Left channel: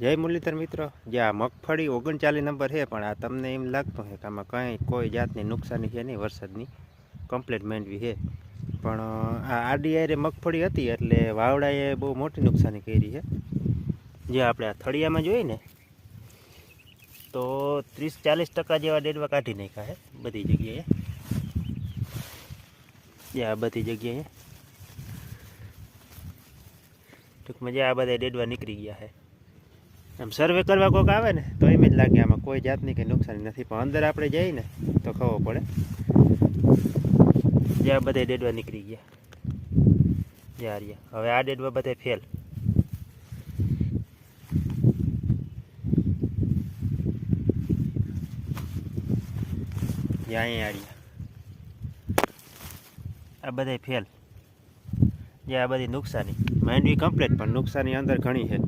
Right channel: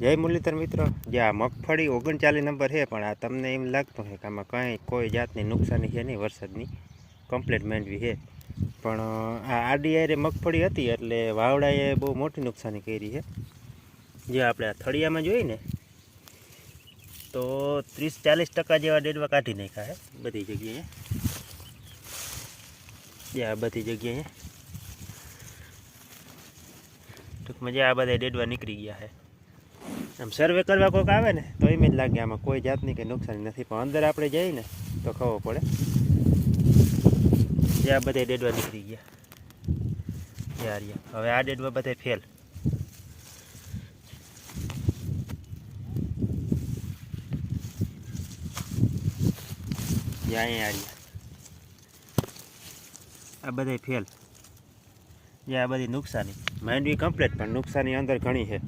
જય મુરલીધર મિત્રો, જે આ મગફળી 39 નંબર છે, પણ આ તમને એમ લાગતું છે કે આમાં કંઈ કોઈ જાતની નુકસાની છે નહીં, વરસાદની કમ્પ્લીટ માંડવી છે. પણ આ આડી આરે મગફળી હતી એટલે વાવડાએ બહુ મોટી નુકસાની કરી છે. જે આપણે આ થળિયામાં જોઈએ ને તો 30-40% જેવા ડેડવા કાઢી નાખ્યા છે બધી જગ્યાએ. જે આ બધી જગ્યાએ ટૂંકમાં જે આ બધા ડેડવા નીકળી ગયા છે. આમ સર્વે કરવા કોઈક આવે ને તો એમ જ લાગે આમાં કોઈ જાતની કંઈ નુકસાની નથી, પણ અંદર આપણે જઈએ ને તો ખબર પડે. જે આ બધા ડેડવા નીકળી ગયા, જે આ રહ્યા. હવે આ ડેડવા બધા ફેલ. જે અહીંયા આ રહ્યા, આ બધા ફેલ. જે આ બધી નુકસાની માંડવી કમ્પ્લીટ, પણ નુકસાની અંદર ઘણી છે.